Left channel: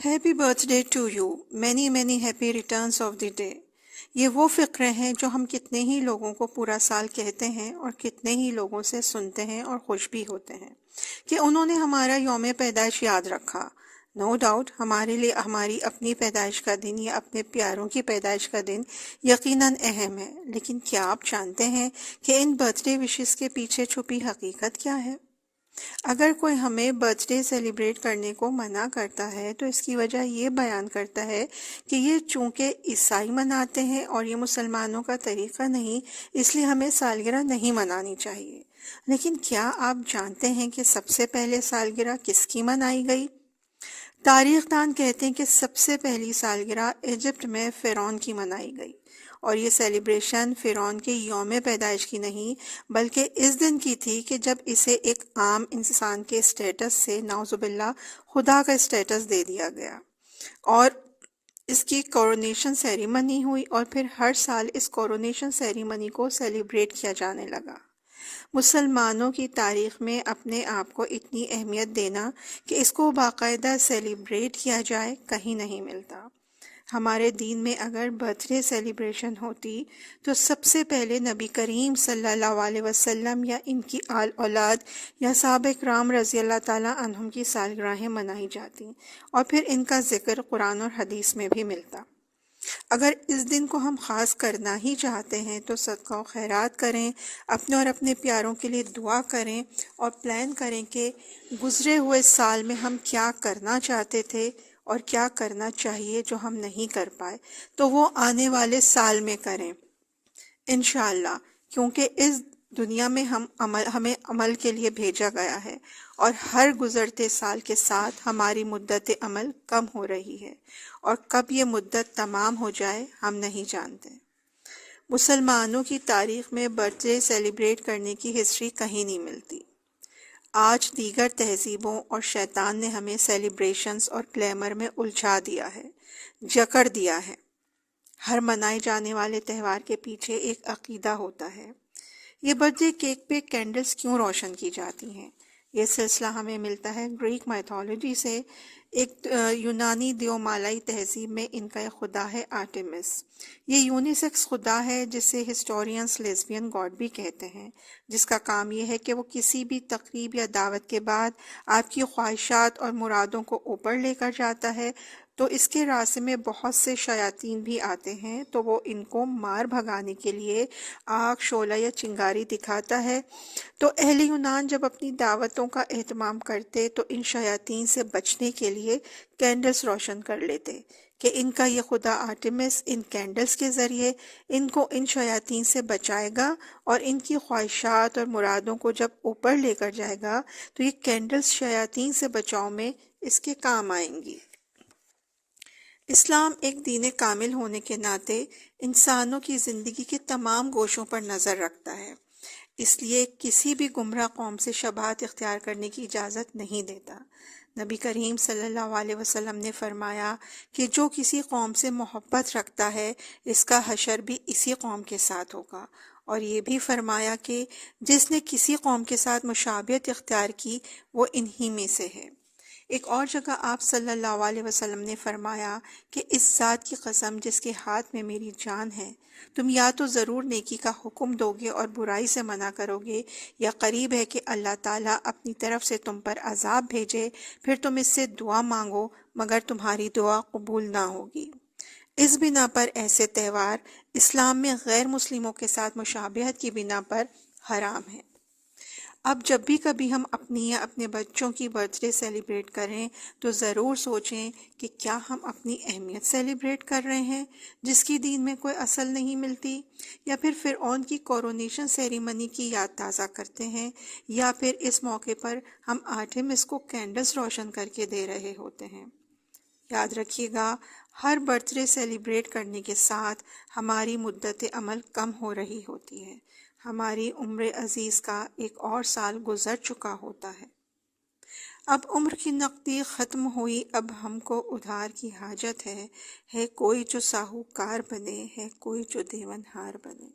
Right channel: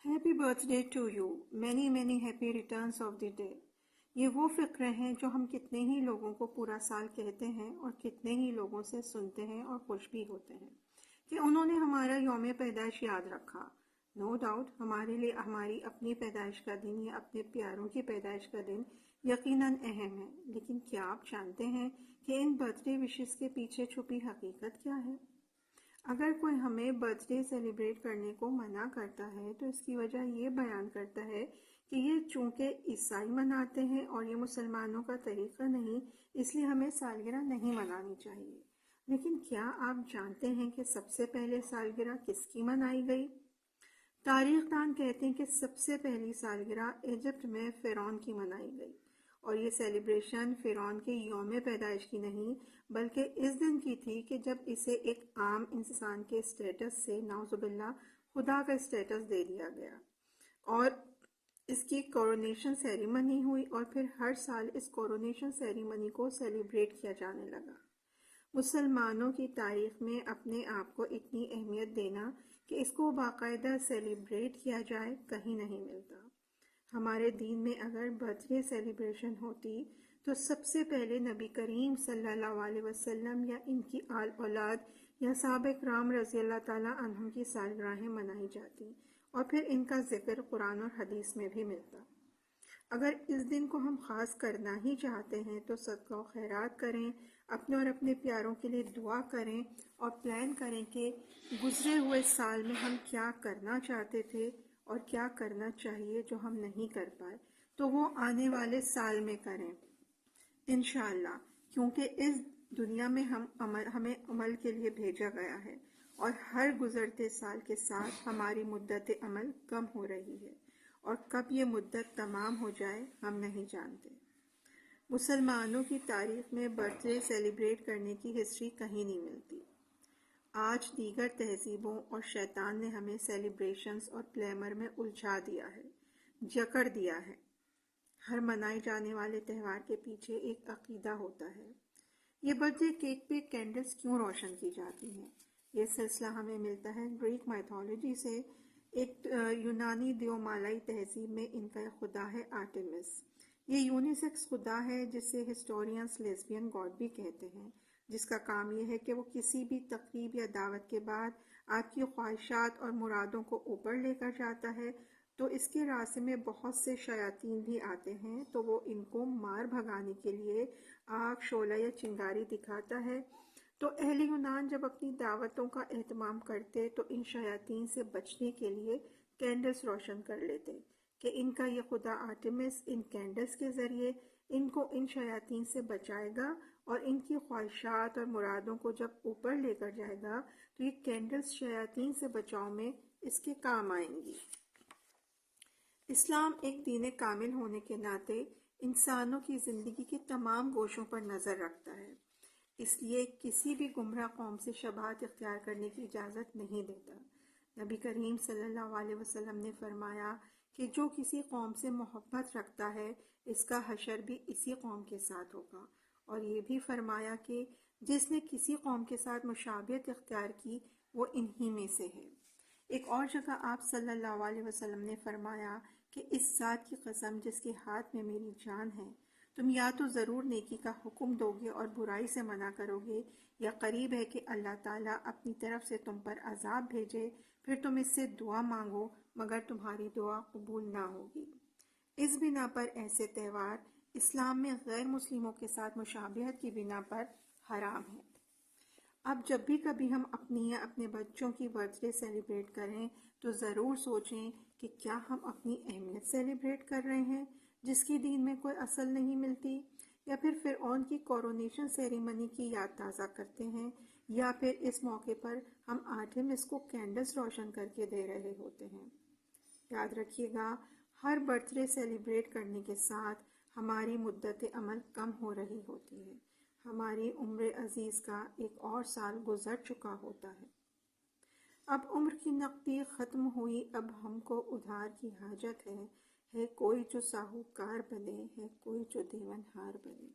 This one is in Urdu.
Happy birthday to you, many many happy returns of the day. یہ وہ فقرے ہیں جو ہم کتنے ہی لوگوں کو پورا سال کہتے ہیں اور کتنے ہی لوگوں سے سنتے ہیں اور خوش بھی ہوتے ہیں کہ انہوں نے ہمارا یوم پیدائش یاد رکھا۔ نو ڈاؤٹ ہمارے لیے ہماری اپنی پیدائش کا دن یا اپنے پیاروں کی پیدائش کا دن یقیناً اہم ہے، لیکن کیا آپ جانتے ہیں کہ ان برتھ ڈے وشز کے پیچھے چھپی حقیقت کیا ہے؟ اگر کوئی ہمیں برتھ ڈے سیلیبریٹ کرنے کو منع کرتا ہے تو اس کی وجہ یہ بیان کرتا ہے کہ یہ چونکہ عیسائی مناتے ہیں اور یہ مسلمانوں کا طریقہ نہیں، اس لیے ہمیں سالگرہ نہیں منانی چاہیے۔ لیکن کیا آپ جانتے ہیں کہ سب سے پہلے سالگرہ کس کی منائی گئی؟ تاریخ دان کہتے ہیں کہ سب سے پہلی سالگرہ ایجپٹ میں فرعون کی منائی گئی، اور یہ سیلیبریشن فرعون کے یوم پیدائش کی نہیں بلکہ اس دن کی تھی کہ جب اسے ایک عام انسان کے اسٹیٹس سے نعوذ باللہ خدا کا اسٹیٹس دے دیا گیا، اور اس کی کورونیشن سیریمنی ہوئی، اور پھر ہر سال اس کورونیشن سیریمنی کو سیلیبریٹ کیا جانے لگا۔ مسلمانوں کی تاریخ میں اپنے آپ کو اتنی اہمیت دینا کہ اس کو باقاعدہ سیلیبریٹ کیا جائے کہیں نہیں ملتا۔ ہمارے دین میں اگر برتھ ڈے سیلیبریشن ہوتی تو سب سے پہلے نبی کریم صلی اللہ علیہ وسلم یا ان کی آل اولاد یا صحابہ کرام رضی اللہ تعالیٰ عنہم کی سالگرہیں منائی جاتی، اور پھر ان کا ذکر قرآن اور حدیث میں بھی ملتا۔ اگر اس دن کو ہم خاص کرنا ہی چاہتے ہیں تو صدقہ و خیرات کریں، اپنے اور اپنے پیاروں کے لیے دعا کریں، اور پلان کریں کہ گزرے ہوئے سال میں ہم کیا کرنا چاہتے تھے اور کیا کرنا چاہیے جو ہم نہیں کر پائے، تو وہ آنے والے سال میں کریں انشاءاللہ، کیونکہ اس دنیا میں ہمیں عمل کے لیے بھیجا گیا ہے، اور ہر گزرتے سال کے ساتھ ہماری مدت عمل کم ہو رہی ہے، اور کب یہ مدت تمام ہو جائے ہم نہیں جانتے۔ مسلمانوں کی تاریخ میں برتھ ڈے سیلیبریٹ کرنے کی ہسٹری کہیں نہیں ملتی۔ آج دیگر تہذیبوں اور شیطان نے ہمیں سیلیبریشنز اور گلیمر میں الجھا دیا ہے، جکڑ دیا ہے۔ ہر منائے جانے والے تہوار کے پیچھے ایک عقیدہ ہوتا ہے۔ یہ برتھ ڈے کیک پہ کینڈلز کیوں روشن کی جاتی ہیں؟ یہ سلسلہ ہمیں ملتا ہے گریک میتھولوجی سے۔ ایک یونانی دیومالائی تہذیب میں ان کا ایک خدا ہے آرٹیمس۔ یہ یونیسیکس خدا ہے جسے ہسٹورینز لیزبین گاڈ بھی کہتے ہیں، جس کا کام یہ ہے کہ وہ کسی بھی تقریب یا دعوت کے بعد آپ کی خواہشات اور مرادوں کو اوپر لے کر جاتا ہے۔ تو اس کے راستے میں بہت سے شیاطین بھی آتے ہیں، تو وہ ان کو مار بھگانے کے لیے آگ، شعلہ یا چنگاری دکھاتا ہے۔ تو اہل یونان جب اپنی دعوتوں کا اہتمام کرتے تو ان شیاطین سے بچنے کے لیے کینڈلز روشن کر لیتے کہ ان کا یہ خدا آرٹیمس ان کینڈلز کے ذریعے ان کو ان شیاطین سے بچائے گا، اور ان کی خواہشات اور مرادوں کو جب اوپر لے کر جائے گا تو یہ کینڈلز شیاطین سے بچاؤ میں اس کے کام آئیں گی۔ اسلام ایک دین کامل ہونے کے ناطے انسانوں کی زندگی کے تمام گوشوں پر نظر رکھتا ہے، اس لیے کسی بھی گمراہ قوم سے شبہات اختیار کرنے کی اجازت نہیں دیتا۔ نبی کریم صلی اللہ علیہ وسلم نے فرمایا کہ جو کسی قوم سے محبت رکھتا ہے اس کا حشر بھی اسی قوم کے ساتھ ہوگا، اور یہ بھی فرمایا کہ جس نے کسی قوم کے ساتھ مشابہت اختیار کی وہ انہی میں سے ہے۔ ایک اور جگہ آپ صلی اللہ علیہ وسلم نے فرمایا کہ اس ذات کی قسم جس کے ہاتھ میں میری جان ہے، تم یا تو ضرور نیکی کا حکم دو گے اور برائی سے منع کرو گے، یا قریب ہے کہ اللہ تعالیٰ اپنی طرف سے تم پر عذاب بھیجے، پھر تم اس سے دعا مانگو مگر تمہاری دعا قبول نہ ہوگی۔ اس بنا پر ایسے تہوار اسلام میں غیر مسلموں کے ساتھ مشابہت کی بنا پر حرام ہیں۔ اب جب بھی کبھی ہم اپنی یا اپنے بچوں کی برتھ ڈے سیلیبریٹ کریں تو ضرور سوچیں کہ کیا ہم اپنی اہمیت سیلیبریٹ کر رہے ہیں جس کی دین میں کوئی اصل نہیں ملتی، یا پھر فرعون کی کورونیشن سیریمنی کی یاد تازہ کرتے ہیں، یا پھر اس موقع پر ہم آرٹیمس کو کینڈلز روشن کر کے دے رہے ہوتے ہیں۔ یاد رکھیے گا، ہر برتھ ڈے سیلیبریٹ کرنے کے ساتھ ہماری مدت عمل کم ہو رہی ہوتی ہے، ہماری عمر عزیز کا ایک اور سال گزر چکا ہوتا ہے۔ اب عمر کی نقدی ختم ہوئی، اب ہم کو ادھار کی حاجت ہے کوئی جو ساہوکار بنے، ہے کوئی جو دیون ہار بنے۔